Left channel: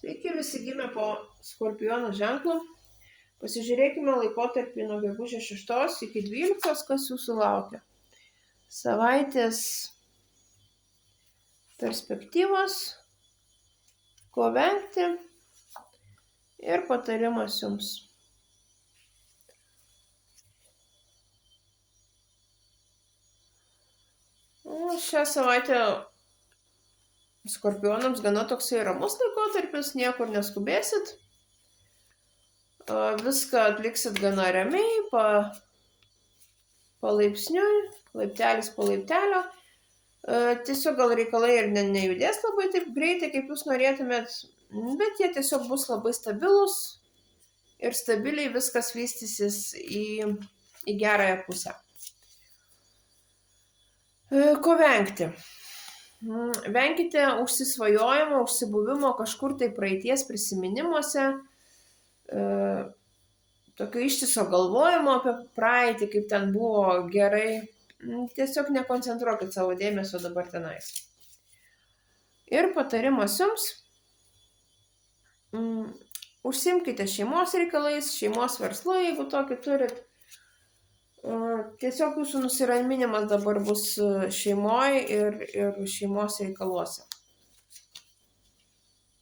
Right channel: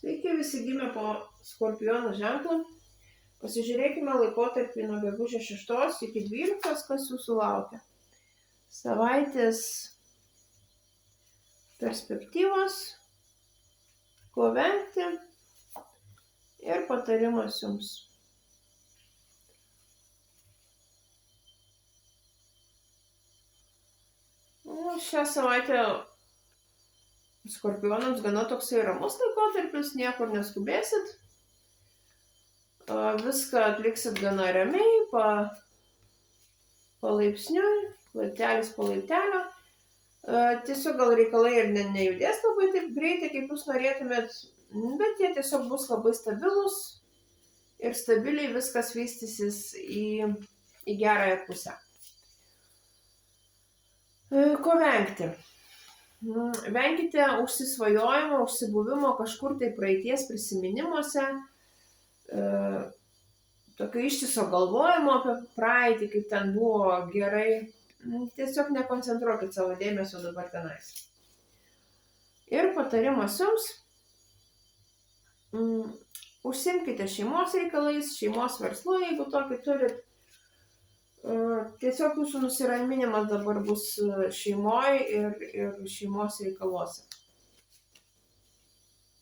Sveiki visi gimę po Skorpiono ženklu. Pasižiūrėkime laikotarpį nuo gegužės 6 iki 12, kas jūsų laukia. Savaitės perspektyvos, ko vengti ir patarimas jums. Šią savaitę Skorpionams gana toksai ramus laikotarpis, niekur neskubėsit. Viską atliksit gana ramiai, palaipsniui, laiptelis po laiptelio. Tiesiog gal reikalai ir nejudės labai taip greitai, kaip jūs norėtumėt, bet jie tiesiog bus labai stabilus ir stabiliai viskas vystysis į gerąją pusę. Ko vengti? Venkite užsisvajojimo, užsibuvimo kažkur tai praeities prisiminimuose, tokio ištiso galvojimo apie praeitį, kaip ten buvo gerai. Tiesiog nekoncentruokit savo dėmesio dabar tenais. Ir patarimas jums, užsimkite šeimos reikalais, šeimos verslu, jeigu tokį turit. Tiesiog jūsų nusiraminimas dabar bus šeimoje ir šeimos reikaluose.